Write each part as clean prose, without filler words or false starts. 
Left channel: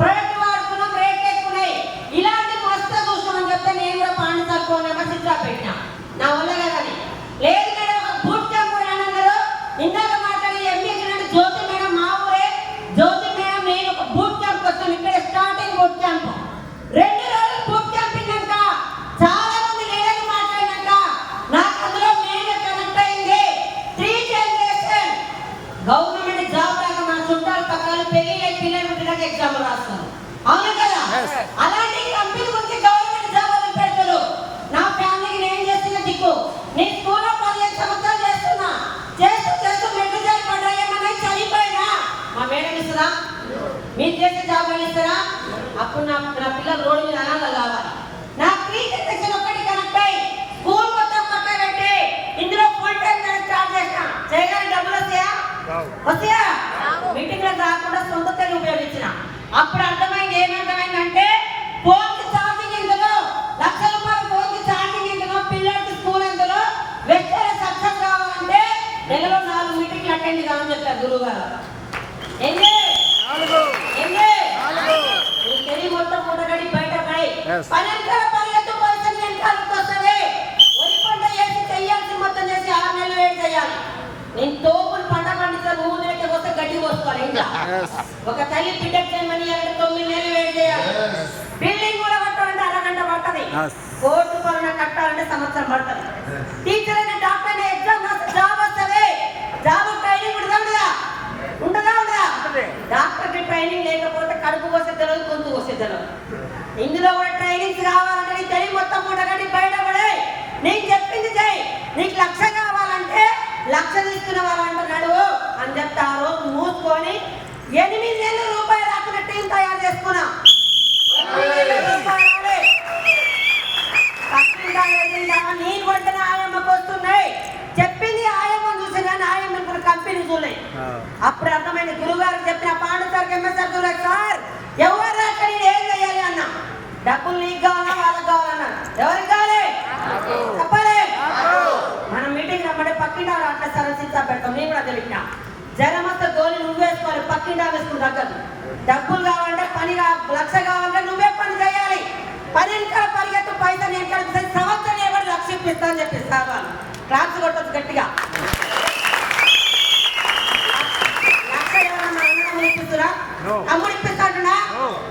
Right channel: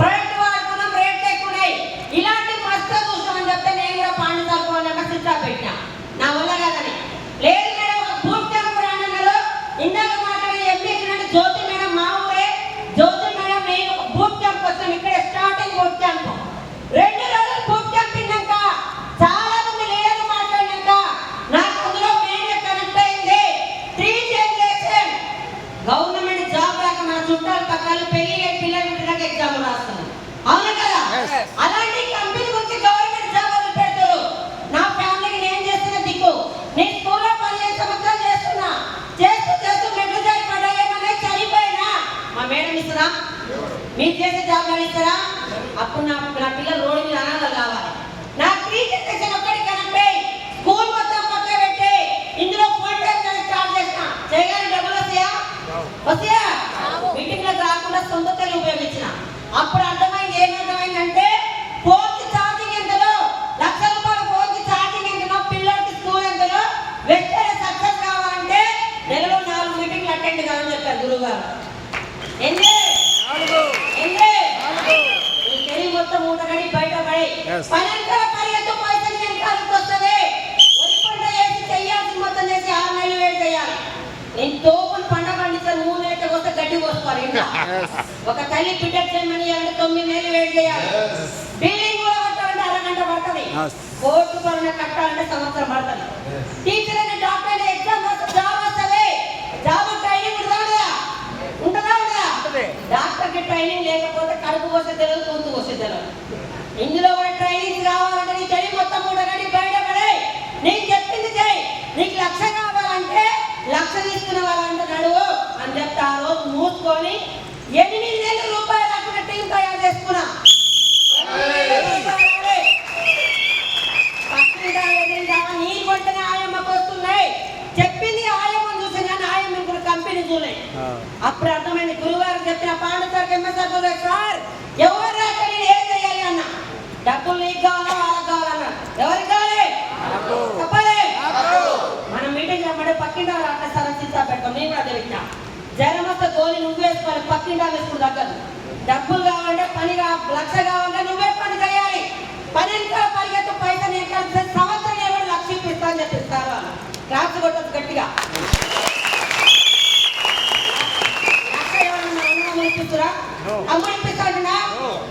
Private వాడుకున్న రేట్లు ఎక్కువై ఇలాంటి మస్తు చూస్తామని చెప్తే నేను కూడా పాండు తక్కువ విమర్శించా పెట్టినా నా వల్ల కదని లేదు మేడం బూట్ క్యాంప్ అన్నారు ఇందాక మాట్లాడి ఎంపీ జ్యోతి మేడం మా ఊరే జ్యోతి మేడం నేను ఒక బూట్ క్యాంప్ వస్తాను ఇక్కడ స్టార్టింగ్ బూట్ క్యాంప్ 2 రోజులు బూట్ క్యాంప్ ఇన్నాక చాలా మంది లీడర్లు మాట్లాడినాక నాకు అందులో మెయిన్ కనెక్ట్ అయింది 3 జనరేషన్ గవర్నమెంట్ జాబ్ లాగా మన చుట్టాలు పక్కన పెళ్లి పిల్లలు పుట్టినాక ఎగ్జామ్ రాస్తాను అవును కదా అలాంటి కంపెనీ గురించి గవర్నమెంట్ జాబ్ అని పెడతారు నా ఫ్యామిలీకి నేను చేసిన దిక్కు నేను స్కూల్లో 15 సంవత్సరాలు చేస్తున్నా చేస్తూ మెట్లు జాయి పడ్డాయేమన్నా చనిపోయినా మా మేడం ఇస్తారా మీరు చేసే జాబ్ అని ఇస్తారా అప్పుడు నా పిల్లలు రోడ్డు మీద అనాథలు కావాలి నా 3 జనరేషన్ ఒక్కటి కనెక్ట్ అయ్యి స్కూల్ మొత్తం పక్క పెట్టి ఇందులో ఫుల్ టైం స్టార్ట్ చేసిన చేయగానే డబ్బులు వస్తాయా మీటింగ్లకు రాకుండా సొంత తల్లి ఉపయోగించిన అప్పుడు అర్థమైంది ఏమర్థమైందంటే ఫోన్కి ఛార్జింగ్ ఎందులో ₹1,00,000 ఫోన్కి ఛార్జింగ్ ఎందులో పిల్లలకి స్కూల్ ఎందులో వెస్టర్న్ సక్సెస్ కావాలంటే నెలలో 4 మీటింగ్లు అటెండ్ కావాలని చెప్పారు గురువు గారు తెలివి మొత్తం ఉండగడి బయట పడి పనెంకల పరిగెత్తు పైసలు వెనకాలకు వస్తుంది ఒరి పంట వేసి చెయ్యాల్సి మొత్తం చేసి 6 నెలలు వేడి చేయాలి నేను తోపులు పంట పండిస్తారు 3 నెలలకు వస్తే గడ్డి పోసుకోవాలి ఇంకా ఒక తల్లి బిడ్డకు చేయమని 9 నెలలు వేడి చేయాలి బిల్డింగ్ కూడా కట్టాలంటే అరగంట పడుతుంది కోర్టు పనులు కట్టాలంటే సంవత్సరం పడుతుంది టీచర్ అయినా డాక్టర్ అయినా ఎగ్జామ్ రాస్తే జాబ్ వస్తుంది జాబ్ ట్రైనింగ్ ఉంటుందా డాక్టర్కి ట్రైనింగ్ లేకపోతే కడుపు కోసే తెలియదు గొంతు కోసే తెలియదు ఇందులో కూడా ట్రైనింగ్స్ కావాలంటే నీ తెలివి మొత్తం ఉండగానే బయటపడే నీకు చెప్పింది చేయి నీకు 1,00,000 కావాలంటే 1,00,000 తీసుకునే వాళ్ళంటే నడువు అని చెప్తే ఆ రోజు మూసుకొని 8 నెలల రూపాయలు రాకుండా టీం తయారు చేసుకున్నా నీకు వెంటనే ఆయమ్మకు వస్తున్నాయి చెప్పింది ఆయమ్మని చూసి కానీ ఆయమ్మ ఇప్పుడు కంపెనీ చూడలే అప్పుడు అర్థమైంది గురుగారు చెప్పిన పాండు సార్ ఎంఎస్ఆర్ గురు సార్ ఎవరు రాక నేను ఏం చేయాలి అన్న డబ్బులు నీకు కావాలా వాళ్ళకి కావాలన్నా ఎవరికి కావాలి చెప్పాలి మనం మీటింగ్ రమ్మంటే పక్కిండా అట్లా సరసిచ్చా పెడతాం నేను కూడా తెలియా జ్వరం వస్తే గోలి నువ్వు వేసుకోవాలి పక్కిండా వేసుకుని తగ్గదు డబ్బులు కావాలంటే పని 1,00,000 కావాలంటే నువ్వే పని చేయాలి పని ఇంకా పరిగెత్తు పైసలు నేను కలిపి సంవత్సరం ఎవరు 1,00,000 ఇప్పిస్తా అని చెప్పిస్తారు వాళ్ళు క్లాస్ కొట్టచ్చు గట్టిగా 1,00,000 ఎవరన్నా అన్నం ఇప్పిస్తురా అమ్ముడు ఇప్పిస్తాడునా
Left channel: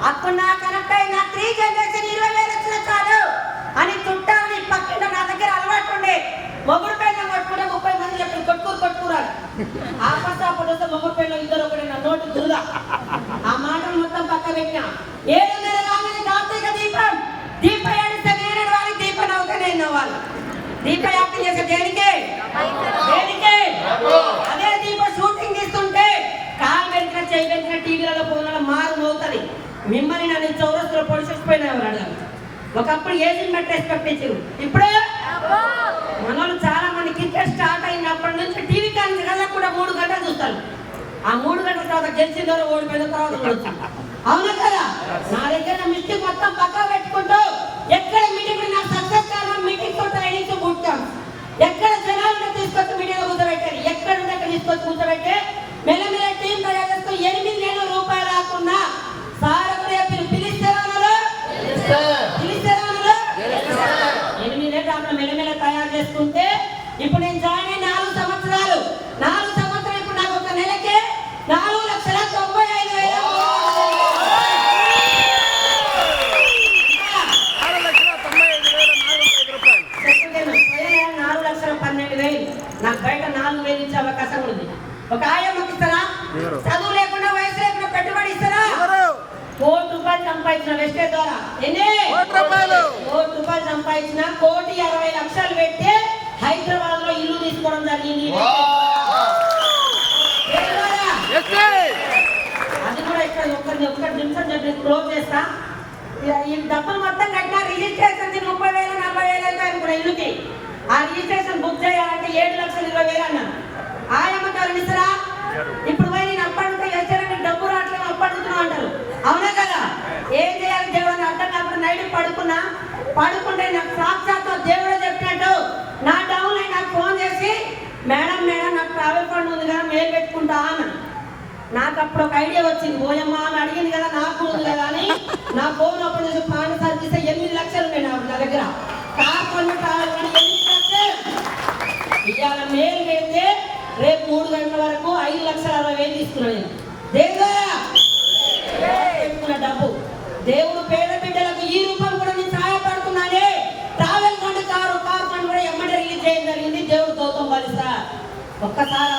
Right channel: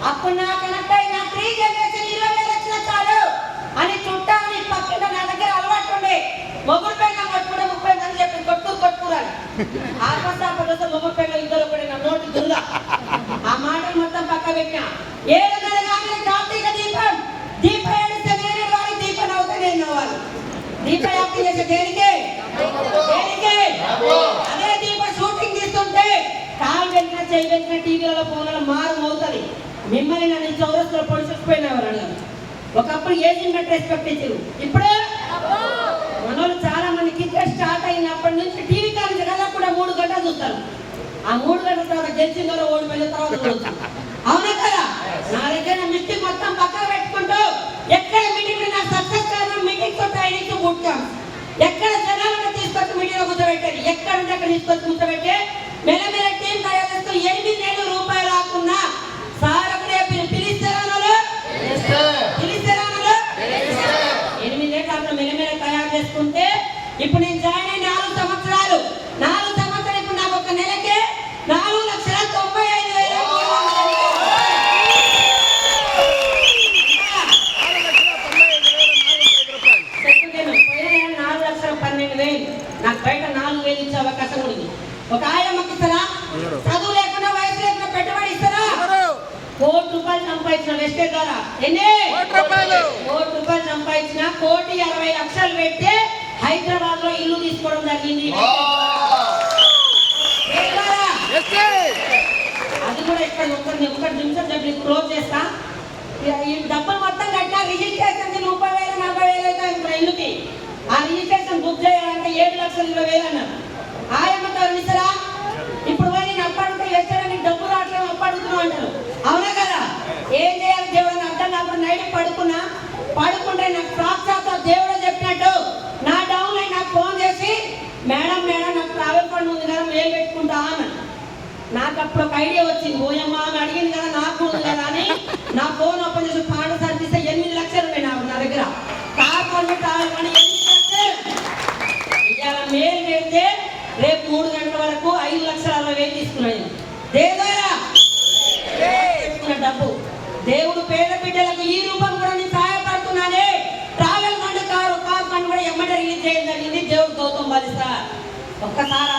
అప్పుడు నా కనెక్ట్ అయిన 3 జనరేషన్ 20,000 వచ్చిన చాలు అని చుట్టాలని పక్కింట నా దగ్గర అలవాటు ఉండే మొగుడు పెళ్ళం కొట్టుకుంటే 30 మంది చెప్పి కొట్టుకురాలి ఆపస్తాపటి వస్తే మొగుడు పెళ్ళం 2 ఒకటి నా నోటి దురుగా ఆ మాటలు మొత్తం పక్క పెట్టినా 7 నెలల కాగానే కార్తీక దీపం ఏడిస్తే నేను వారి దీపం అవుతే నేను వాళ్ళు దీప యాక్టింగ్ చేసే దేనికే అదే దీప షూటింగ్ తీస్తుంటే కాలు వెంటనే చేయి వెంటనే టీవీలలో ఫోన్లలో మారు మోగుతుంది మిమ్మల్ని నన్ను చౌరస్తులో పొడిచిపోయినవారు అడిగారు ఒకప్పుడు ఏజింగ్ మెట్ రెస్పెక్ట్ ఇచ్చారు ఇప్పుడు మనోళ్ళు చాలా మంది క్రికెట్ స్టార్ట్ అయినప్పటి నుంచి టీవీ కానీ కూడా 3 గంటలు చూస్తారు ఆ 3 గంటల తర్వాత గెలిచిన ఓడిపోయిన తర్వాత చూస్తారు అవునా కదా నా దగ్గర మిస్టేక్ మొత్తం పక్కా పెట్టుకుంటూ ఎక్కడ మీటింగ్ నా సక్సెస్ కారణం మీటింగ్ తో ట్రైనింగ్ తో పుట్టాం ఎక్కడ జనాలను తీసుకొచ్చి మీటింగ్ కూర్చోబెట్టారు ఎక్కడ ఉంటే అక్కడ తీసుకొచ్చి కూర్చోబెట్టే మెల్లమెల్ల టీం తయారు చేస్తూ 8 నెలల రూపాయలు రాకున్నా సార్ అక్కడ పిలిస్తారా 8 నెలలు అక్కడ మెల్లమెల్ల తయారు చేసుకుంటే ఇప్పుడు నేను జాయిన్ అయిన 4 సంవత్సరాలు ఇప్పుడు నాకు ఒక నెలకే 4,95,000 నాకు బయట 4,000 ఇచ్చే అవకాశం ఉంది ఒక ఆయమ్మకి ఇస్తారా చదువు లేకుండా వయసు లేకుండా పెట్టుబడి ఇస్తారా ₹1,00,000 సంపాదించిన వెస్టే ద్వారా ఎన్ని ₹1,00,000 సంపాదించిన ₹1,60,00,000 పెట్టి హైదరాబాద్ లో ఇల్లు తీసుకోవడం జరిగింది అది కూడా ఇక్కడ ఒక్క నిమిషం చెప్పి క్లోజ్ చేస్తా ఈ డబ్బులు మొత్తం కట్టినా రిజిస్ట్రేషన్ 30,000 40,000 అయితే ఇల్లుకి ఆ రిజిస్ట్రేషన్ బుక్ చేయాలంటే 7,20,000 అన్నారు ఆయమ్మ గారు ఇస్తారా ఇప్పుడు పోయి నేను అప్పటికే చేశారని డబ్బు రావట్లేదు అప్పడుగుతున్నావు అంటారు అవునా కదా ఏం చేయాలి దేవుడు అర్థం కాకుండా నైట్ పడుకుంటే నాకు సాక్షాత్ దేవుడు చెప్పినట్టు నా డౌన్ నాకు ఫోన్ చేసి మేడం నాకు ట్రావెల్ ఫండ్ ఉంది కదా మెయిల్ పెట్టుకుంటా అన్నాను నాకు అప్పుడు ఒక ఐడియా వచ్చింది. ఓయమ్మ అని అడిగింది కదా, నాకు ఉంది కదా అని నా ఫోన్ ఓపెన్ చేసి పాండ సర్వీస్ 8 లక్షలు ఉన్నాయి నా దగ్గర. కార్ పర్మిట్ రావాలని 8 లక్షలు ఇవాళ మేలు పెడితే రేపు 3 గంటల వరకు 5,60,000 తీసుకున్నాను. పెట్టుకున్న డబ్బు దేవుడు పేద బిడ్డలకు ఈ రూపం కూడా నేను సహాయపడుతున్నానే. ట్రావెల్ ఫండ్ కార్ ఫండ్ కూడా ఎమ్మటి రిలీజ్ చేయడం జరిగింది. దేవుడు గౌతమ్ బాలి సార్ ఒక్కసారి